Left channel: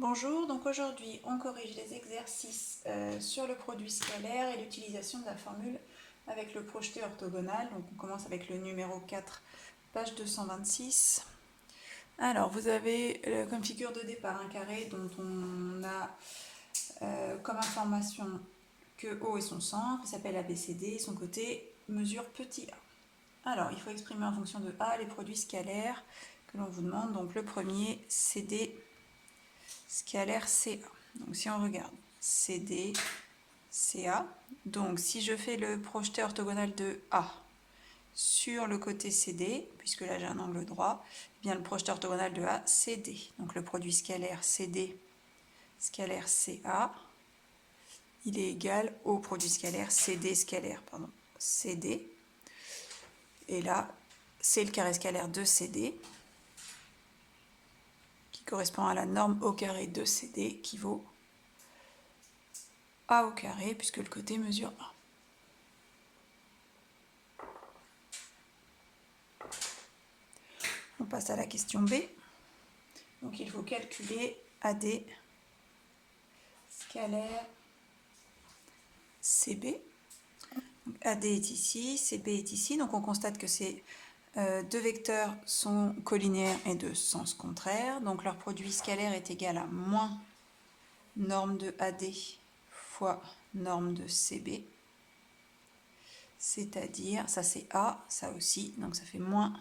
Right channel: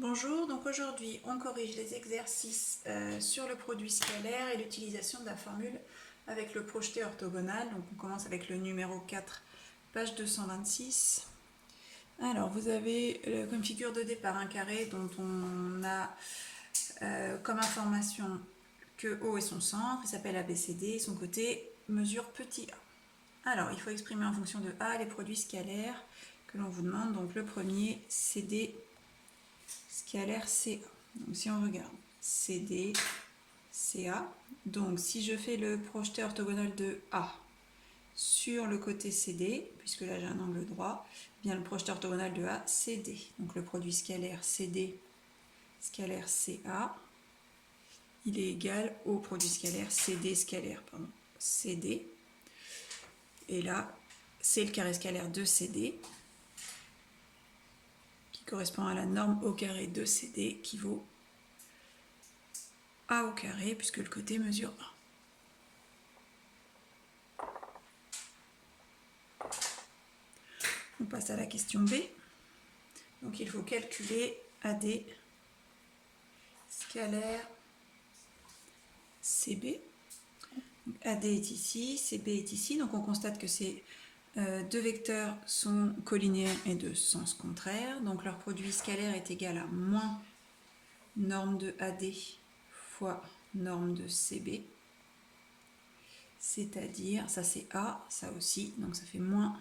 Bonjour, donc aujourd'hui on corrige les exercices sur le produit scalaire et l'utilisation de la formule avec le projeté orthogonal. Donc on commence avec le numéro 4, page 226. Alors vous avez comme figure de départ un carré dont on a comme information que O est son centre, il s'appelle ABCD et son côté mesure petit a. Alors il faut exprimer en fonction de A les produits scalaires que l'on vous demande. Donc le premier CD scalaire CA. Donc si on regarde CD, CA, donc si je fais le projeté orthogonal de A sur le côté CD, puisque là j'ai un angle droit, eh bien le projeté orthogonal de A, CD. Donc le produit scalaire CD, scalaire CA, il est égal au produit scalaire CD, CD. Et là, c'est le carré scalaire de CD, qui correspond à la norme au carré de CD, qui vaut A au carré, puisque le côté mesure 1. On passe à la question B. Donc il faut calculer AD scalaire CB. Donc, AD est ici, CB est ici. Donc on constate que ces deux vecteurs sont collinaires et de sens contraire. Donc leur produit scalaire est égal à moins norme de AD fois norme de CB. C'est-à-dire, ça c'est A, ça aussi, donc ça fait moins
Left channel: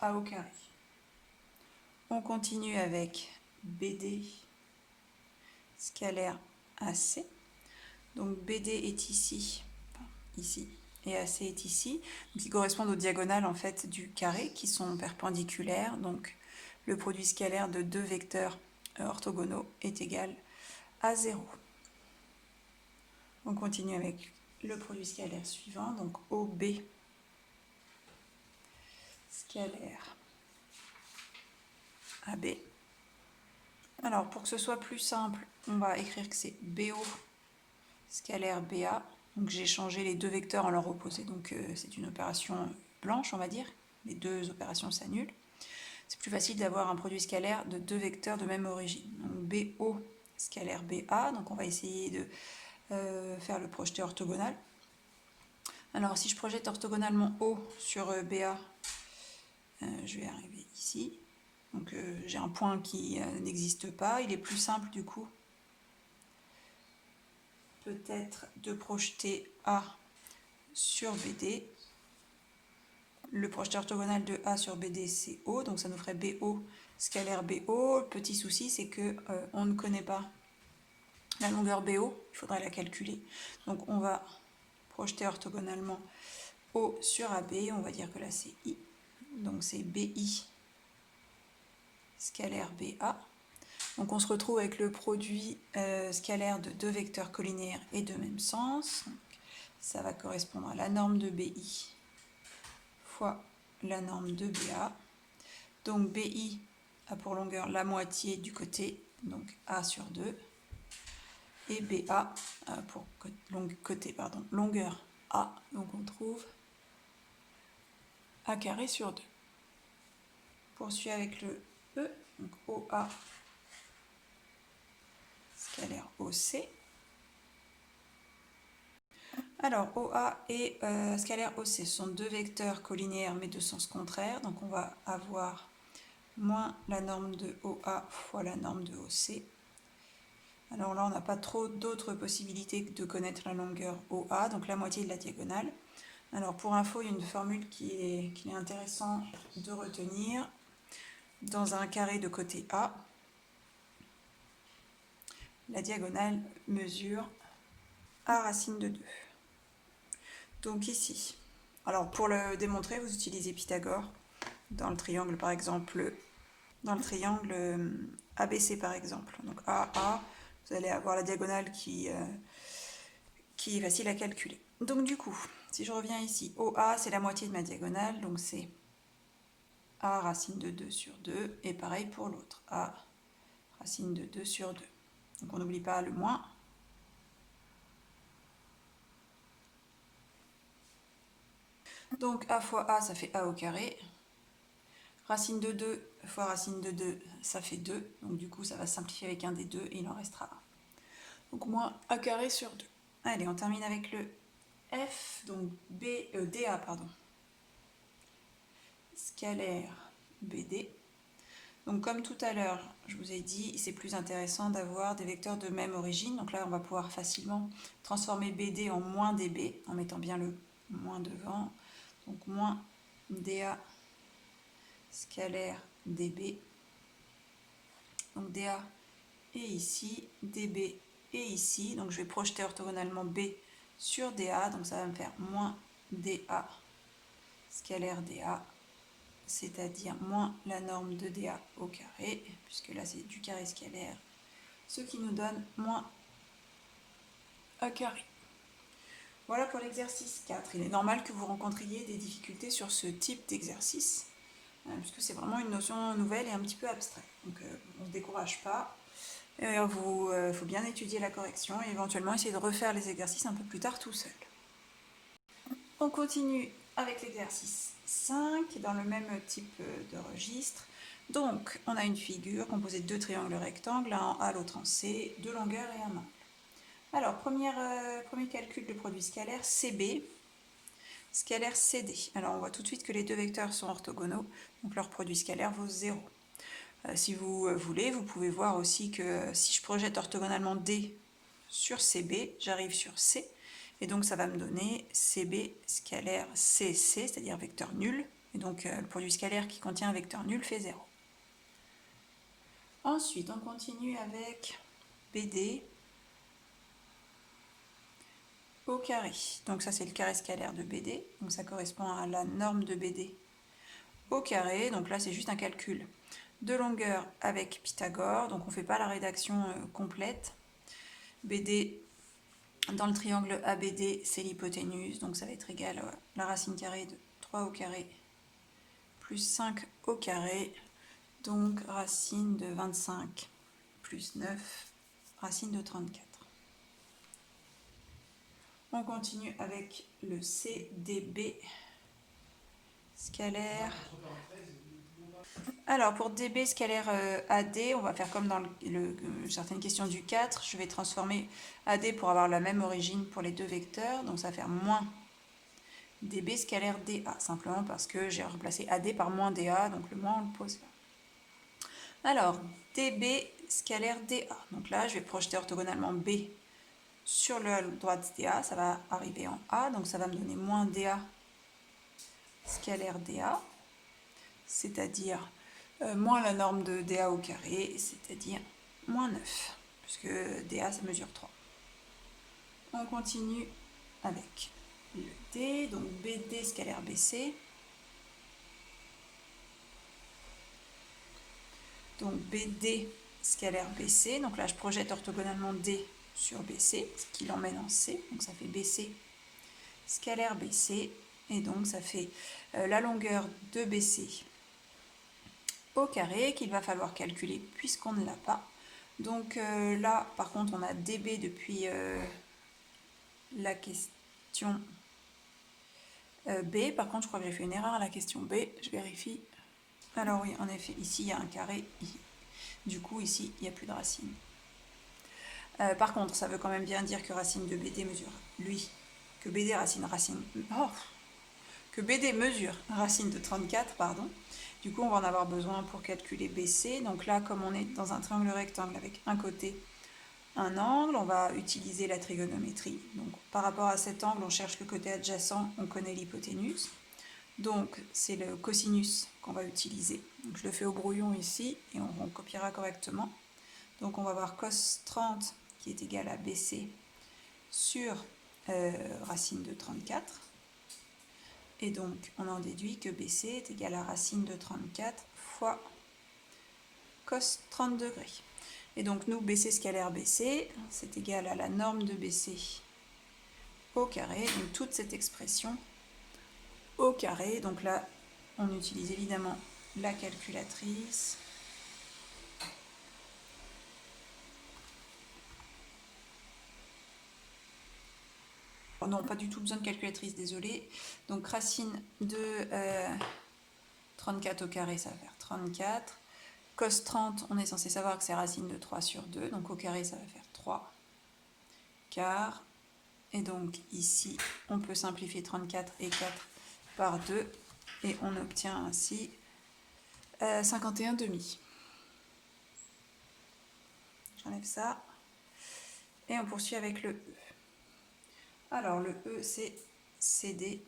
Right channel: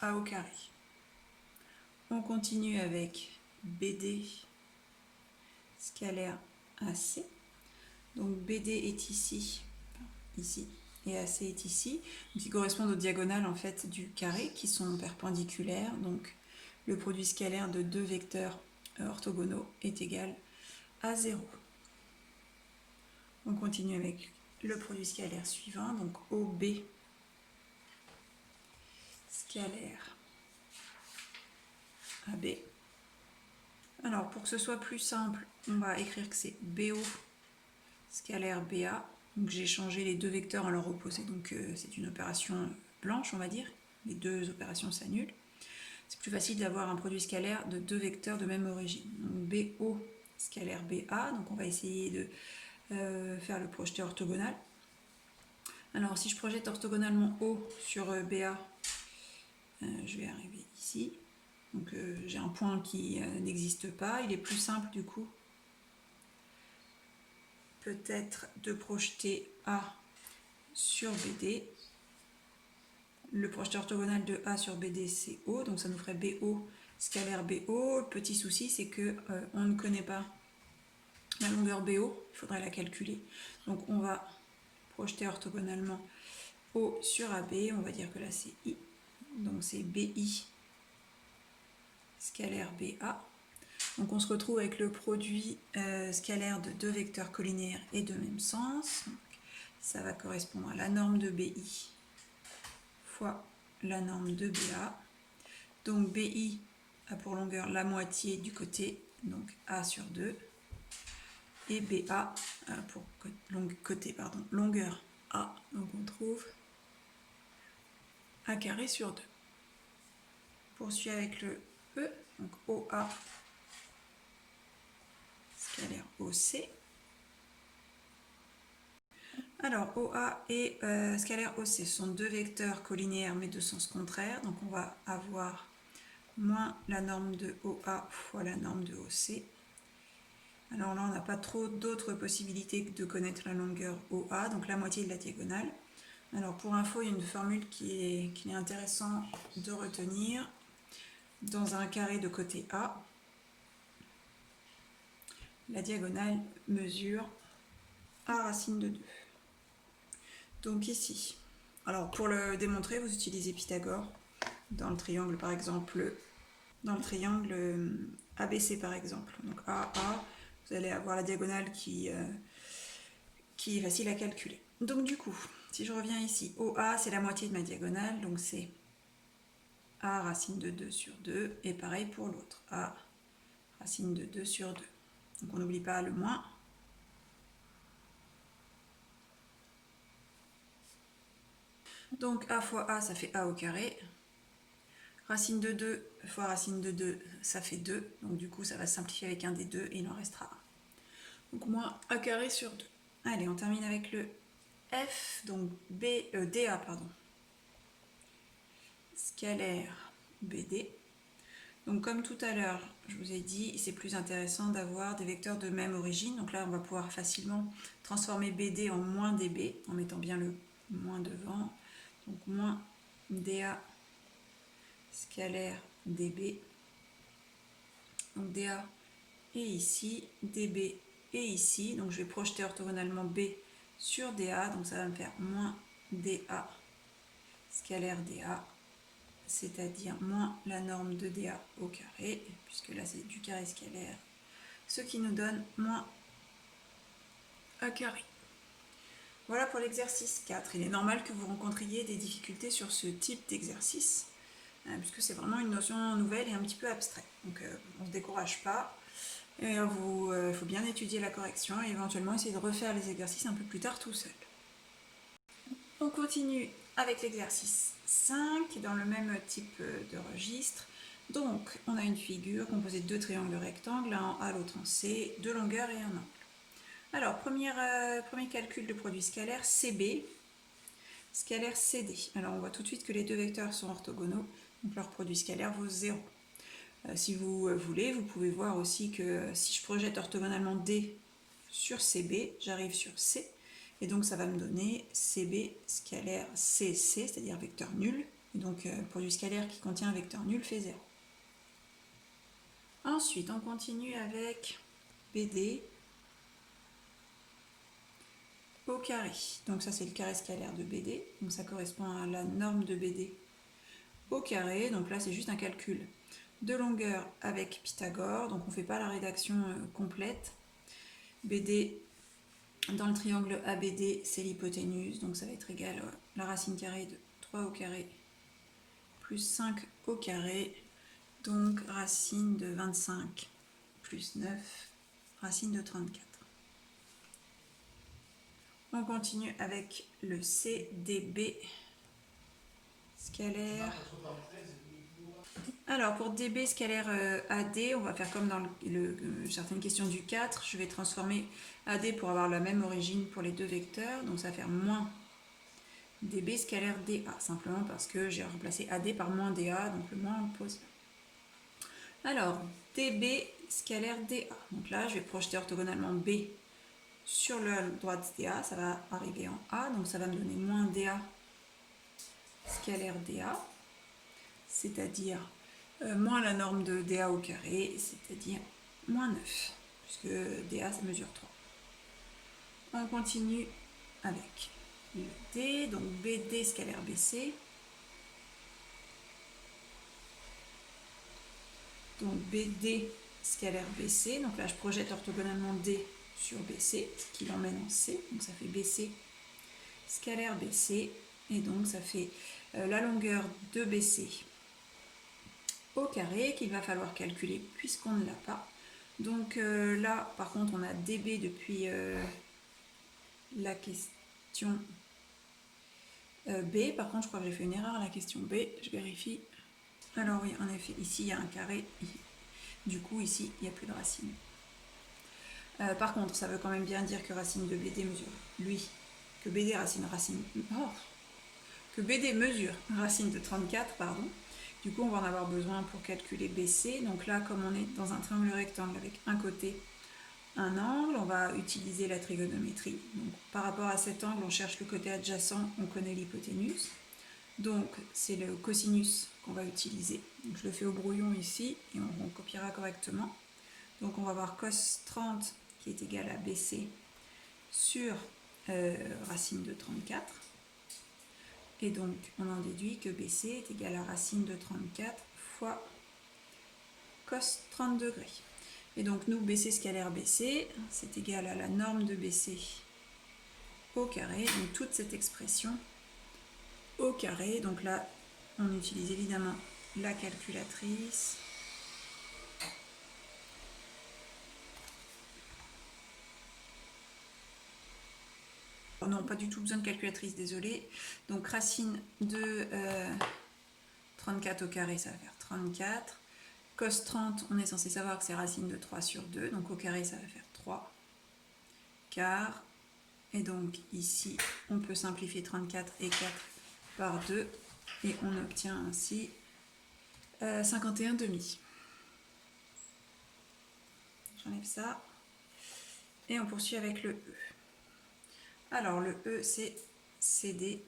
A au carré. On continue avec BD scalaire AC. Donc BD est ici, et AC est ici, qui correspondent aux diagonales en fait du carré qui sont perpendiculaires. Donc le produit scalaire de deux vecteurs orthogonaux est égal à 0. On continue avec le produit scalaire suivant, donc OB scalaire AB. Alors pour que ce soit plus simple, on va écrire que c'est BO scalaire BA. Donc j'ai changé les deux vecteurs en leur opposé, donc c'est une opération blanche, on va dire. Les deux opérations s'annulent. C'est plus facile d'avoir un produit scalaire de deux vecteurs de même origine. Donc BO scalaire BA, donc on va essayer de faire le projeté orthogonal. Alors si je projette orthogonalement O sur BA, je vais arriver ici. Donc j'ai un point qui n'existe pas. Il est plus simple du coup peut-être de projeter A sur BD. Le projeté orthogonal de A sur BD c'est O, donc ça nous ferait BO scalaire BO. Le petit souci c'est que on ne connaît pas la longueur BO, il faudrait la calculer. Donc on va projeter orthogonalement O sur AB, on va dire que là c'est I, donc c'est BI scalaire BA. Donc on se retrouve avec le produit scalaire de deux vecteurs collinaires et de même sens. Donc, ça va correspondre à la norme de BI fois la norme de BA. Donc BI a pour longueur la moitié du côté, donc A sur 2. Et BA a pour longueur A. Donc on trouve A carré sur 2. Poursuit avec le E, donc OA scalaire OC. Alors OA et scalaire OC sont deux vecteurs collinéaires mais de sens contraire. Donc on va avoir moins la norme de OA fois la norme de OC. Alors là on n'a pas trop d'autres possibilités que de connaître la longueur OA, donc la moitié de la diagonale. Alors pour info, il y a une formule qu'il est intéressant de retenir. Dans un carré de côté A, la diagonale mesure A racine de 2. Donc ici, alors pour le démontrer, vous utilisez Pythagore dans le triangle par exemple, dans le triangle ABC par exemple. Donc AA, vous allez avoir la diagonale qui est facile à calculer. Donc du coup, si je reviens ici, OA c'est la moitié de ma diagonale, donc c'est A racine de 2 sur 2, et pareil pour l'autre, A racine de 2 sur 2. Donc on n'oublie pas le moins. Donc A fois A, ça fait A au carré. Racine de 2 fois racine de 2, ça fait 2. Donc du coup, ça va se simplifier avec un des deux et il en restera un. Donc moins a carré sur 2. Allez, on termine avec le F, donc DA, pardon. Scalaire BD. Donc comme tout à l'heure, je vous ai dit, c'est plus intéressant d'avoir des vecteurs de même origine. Donc là, on va pouvoir facilement transformer BD en moins DB, en mettant bien le moins devant. Donc moins DA scalaire DB. Donc DA est ici, DB est ici. Donc je vais projeter orthogonalement B sur DA. Donc ça va me faire moins DA scalaire DA, c'est-à-dire moins la norme de DA au carré, puisque là c'est du carré scalaire, ce qui nous donne moins A carré. Voilà pour l'exercice 4. Il est normal que vous rencontriez des difficultés sur ce type d'exercice, puisque c'est vraiment une notion nouvelle et un petit peu abstraite. Donc on ne se décourage pas. Il faut bien étudier la correction et éventuellement essayer de refaire les exercices un peu plus tard tout seul. On continue avec l'exercice 5 dans le même type de registre. Donc on a une figure composée de deux triangles rectangles, l'un en A, l'autre en C, deux longueurs et un angle. Alors premier calcul de produit scalaire CB, scalaire CD. Alors on voit tout de suite que les deux vecteurs sont orthogonaux, donc leur produit scalaire vaut 0. Si vous voulez, vous pouvez voir aussi que si je projette orthogonalement D sur CB, j'arrive sur C, et donc ça va me donner CB scalaire CC, c'est-à-dire vecteur nul, et donc le produit scalaire qui contient un vecteur nul fait 0. Ensuite, on continue avec BD au carré. Donc ça c'est le carré scalaire de BD, donc ça correspond à la norme de BD au carré, donc là c'est juste un calcul de longueur avec Pythagore, donc on ne fait pas la rédaction complète. BD dans le triangle ABD, c'est l'hypoténuse, donc ça va être égal à la racine carrée de 3 au carré plus 5 au carré, donc racine de 25 plus 9, racine de 34. On continue avec le CDB scalaire. Alors pour DB scalaire AD, on va faire comme dans certaines questions du 4, je vais transformer AD pour avoir la même origine pour les deux vecteurs, donc ça va faire moins DB scalaire DA, simplement parce que j'ai remplacé AD par moins DA, donc le moins on le pose là. Alors DB scalaire DA, donc là je vais projeter orthogonalement B sur le droite DA, ça va arriver en A, donc ça va me donner moins DA scalaire DA, c'est-à-dire moins la norme de DA au carré, c'est-à-dire moins 9, puisque DA ça mesure 3. On continue avec le D, donc BD scalaire BC. Donc BD scalaire BC, donc là je projette orthogonalement D sur BC, ce qui l'emmène en C, donc ça fait BC scalaire BC, et donc ça fait la longueur de BC au carré qu'il va falloir calculer puisqu'on ne l'a pas. Donc là par contre on a DB depuis la question B, par contre je crois que j'ai fait une erreur à la question B, je vérifie. Alors oui, en effet, ici il y a un carré, du coup ici il n'y a plus de racine. Par contre, ça veut quand même bien dire que racine de BD mesure, que BD mesure racine de 34, pardon. Du coup, on va en avoir besoin pour calculer BC. Donc là, comme on est dans un triangle rectangle avec un côté, un angle, on va utiliser la trigonométrie. Donc par rapport à cet angle, on cherche le côté adjacent, on connaît l'hypoténuse. Donc c'est le cosinus qu'on va utiliser. Donc, je le fais au brouillon ici et on copiera correctement. Donc on va avoir cos 30 qui est égal à BC sur racine de 34. Et donc on en déduit que BC est égal à racine de 34 fois cos 30 degrés. Et donc nous, BC scalaire BC, c'est égal à la norme de BC au carré. Donc toute cette expression au carré. Donc là, on utilise évidemment la calculatrice. Oh non, pas du tout besoin de calculatrice, désolé. Donc racine de 34 au carré, ça va faire 34. Cos 30, on est censé savoir que c'est racine de 3 sur 2, donc au carré ça va faire 3 quarts. Et donc ici, on peut simplifier 34 et 4 par 2 et on obtient ainsi 51 demi. J'enlève ça et on poursuit avec le E. Alors le E c'est CD,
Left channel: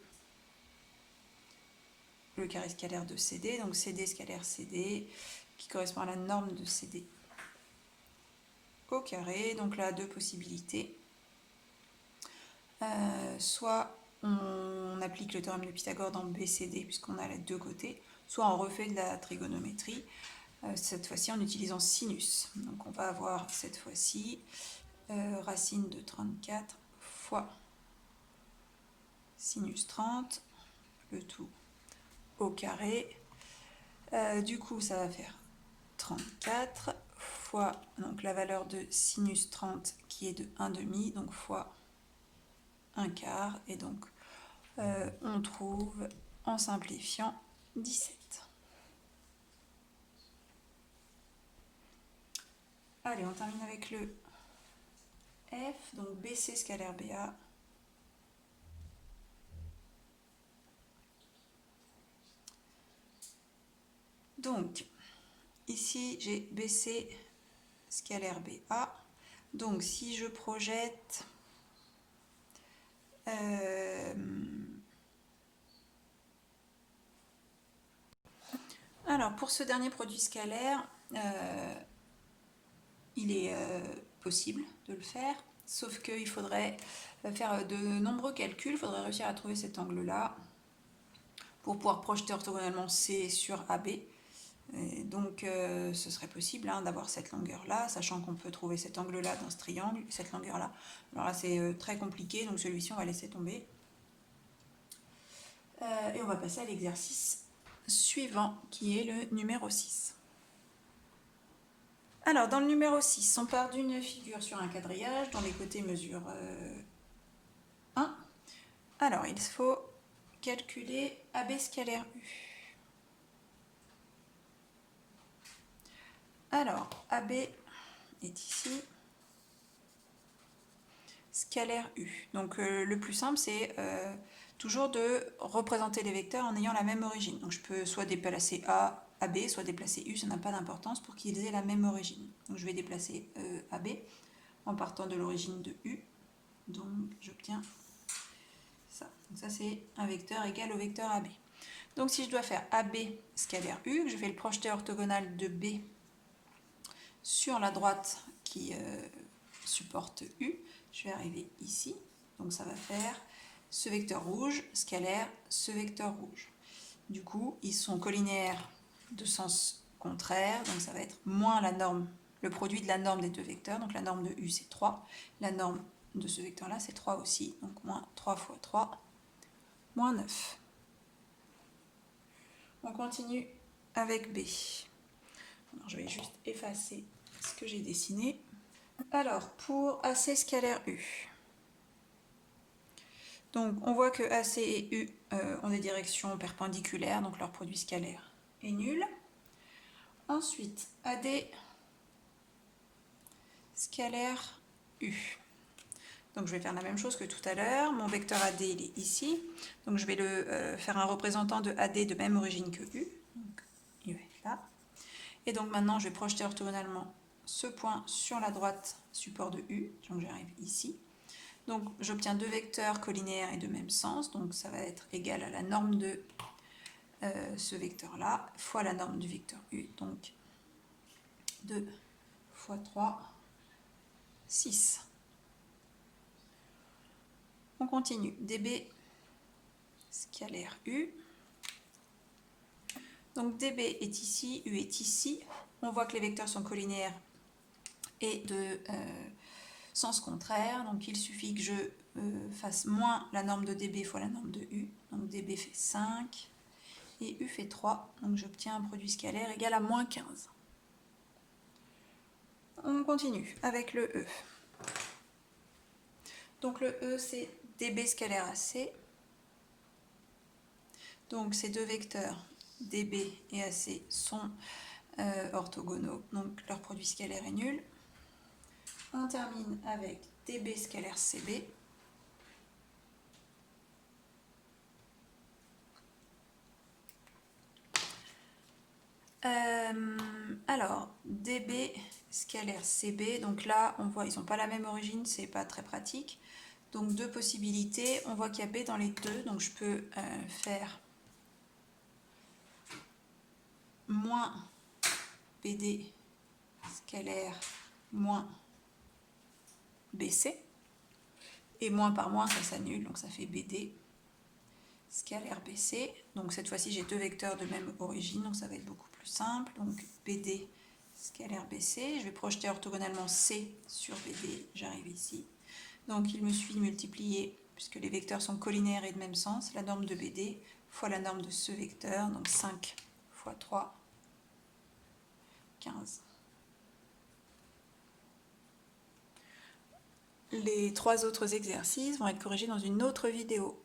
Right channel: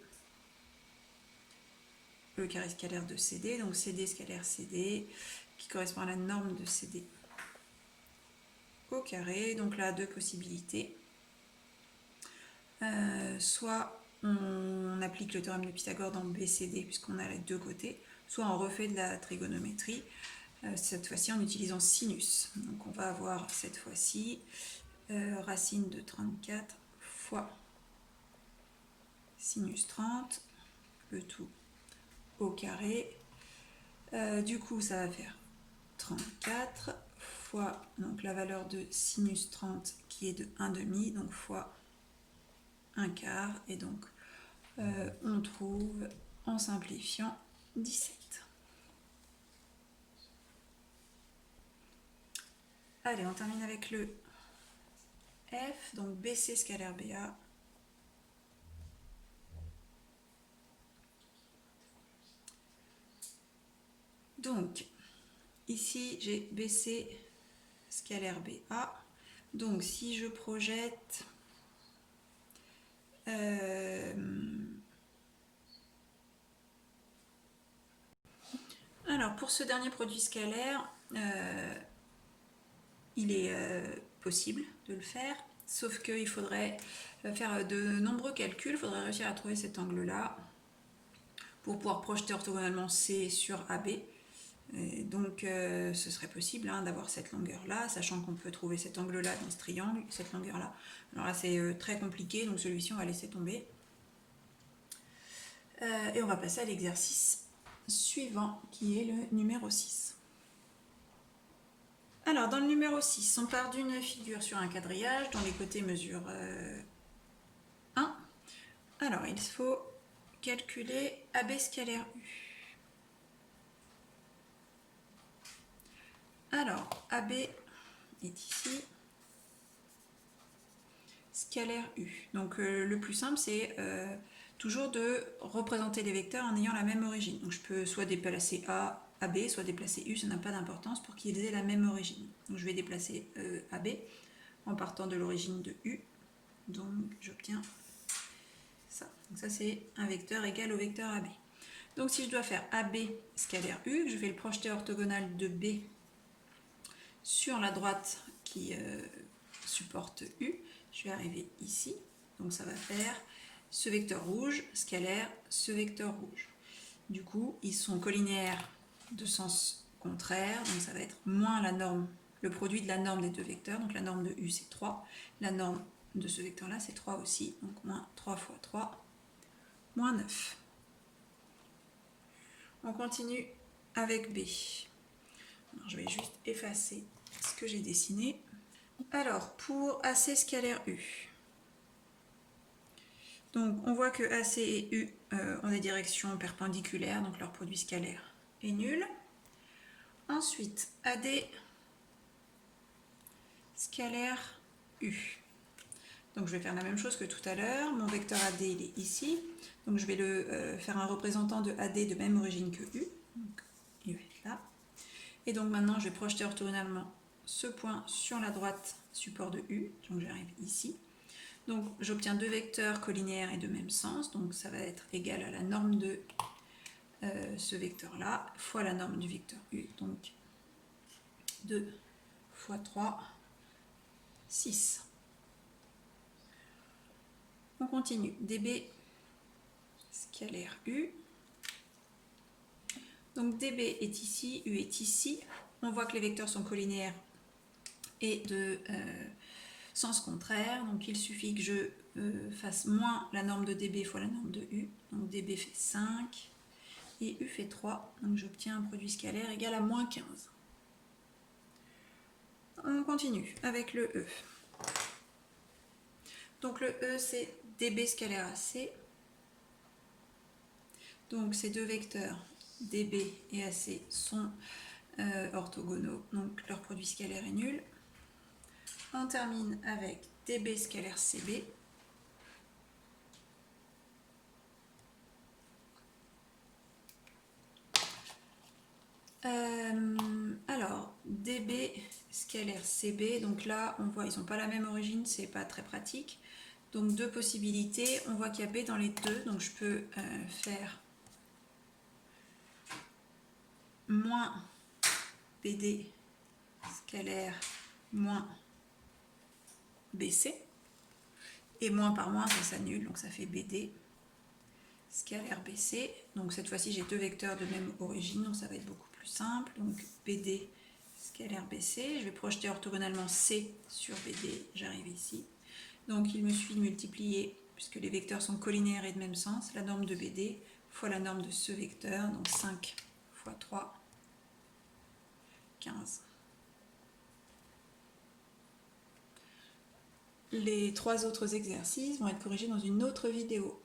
le carré scalaire de CD, donc CD scalaire CD qui correspond à la norme de CD au carré. Donc là, deux possibilités. Soit on applique le théorème de Pythagore dans BCD puisqu'on a les deux côtés, soit on refait de la trigonométrie, cette fois-ci en utilisant sinus. Donc on va avoir cette fois-ci racine de 34 fois sinus 30, le tout au carré. Du coup ça va faire 34 fois donc la valeur de sinus 30 qui est de 1,5, donc fois 1 quart, et donc on trouve en simplifiant 17. Allez, on termine avec le F, donc BC scalaire BA. Donc, ici j'ai BC scalaire BA. Donc, si je projette alors, pour ce dernier produit scalaire, il est possible de le faire, sauf qu'il faudrait faire de nombreux calculs, il faudrait réussir à trouver cet angle-là pour pouvoir projeter orthogonalement C sur AB. Et donc ce serait possible d'avoir cette longueur-là, sachant qu'on peut trouver cet angle-là dans ce triangle, cette longueur-là. Alors là c'est très compliqué, donc celui-ci on va laisser tomber. Et on va passer à l'exercice suivant, qui est le numéro 6. Alors dans le numéro 6, on part d'une figure sur un quadrillage dont les côtés mesurent 1. Alors il faut calculer AB scalaire U. Alors, AB est ici, scalaire U. Donc le plus simple, c'est toujours de représenter les vecteurs en ayant la même origine. Donc je peux soit déplacer AB, soit déplacer U, ça n'a pas d'importance pour qu'ils aient la même origine. Donc je vais déplacer AB en partant de l'origine de U. Donc j'obtiens ça. Donc ça c'est un vecteur égal au vecteur AB. Donc si je dois faire AB scalaire U, je vais le projeter orthogonal de B sur la droite qui supporte U, je vais arriver ici, donc ça va faire ce vecteur rouge scalaire ce vecteur rouge. Du coup, ils sont collinéaires de sens contraire, donc ça va être moins la norme, le produit de la norme des deux vecteurs, donc la norme de U c'est 3, la norme de ce vecteur-là c'est 3 aussi, donc moins 3 fois 3, moins 9. On continue avec B. Alors, je vais juste effacer ce que j'ai dessiné. Alors, pour AC scalaire U, donc on voit que AC et U ont des directions perpendiculaires, donc leur produit scalaire est nul. Ensuite, AD scalaire U. Donc je vais faire la même chose que tout à l'heure. Mon vecteur AD il est ici, donc je vais le faire un représentant de AD de même origine que U. Donc, il va être là. Et donc maintenant, je vais projeter orthogonalement ce point sur la droite support de U. Donc j'arrive ici. Donc j'obtiens deux vecteurs collinéaires et de même sens. Donc ça va être égal à la norme de ce vecteur-là fois la norme du vecteur U. Donc 2 fois 3, 6. On continue. DB scalaire U. Donc DB est ici, U est ici. On voit que les vecteurs sont collinéaires et de sens contraire. Donc il suffit que je fasse moins la norme de DB fois la norme de U. Donc DB fait 5 et U fait 3. Donc j'obtiens un produit scalaire égal à moins 15. On continue avec le E. Donc le E c'est DB scalaire AC. Donc ces deux vecteurs DB et AC sont orthogonaux, donc leur produit scalaire est nul. On termine avec DB scalaire CB. Alors, DB scalaire CB, donc là on voit ils n'ont pas la même origine, c'est pas très pratique. Donc deux possibilités, on voit qu'il y a B dans les deux, donc je peux faire moins BD scalaire moins BC, et moins par moins ça s'annule, donc ça fait BD scalaire BC. Donc cette fois-ci j'ai deux vecteurs de même origine, donc ça va être beaucoup plus simple. Donc BD scalaire BC, je vais projeter orthogonalement C sur BD, j'arrive ici. Donc il me suffit de multiplier, puisque les vecteurs sont collinaires et de même sens, la norme de BD fois la norme de ce vecteur, donc 5 fois 3, 15. Les trois autres exercices vont être corrigés dans une autre vidéo.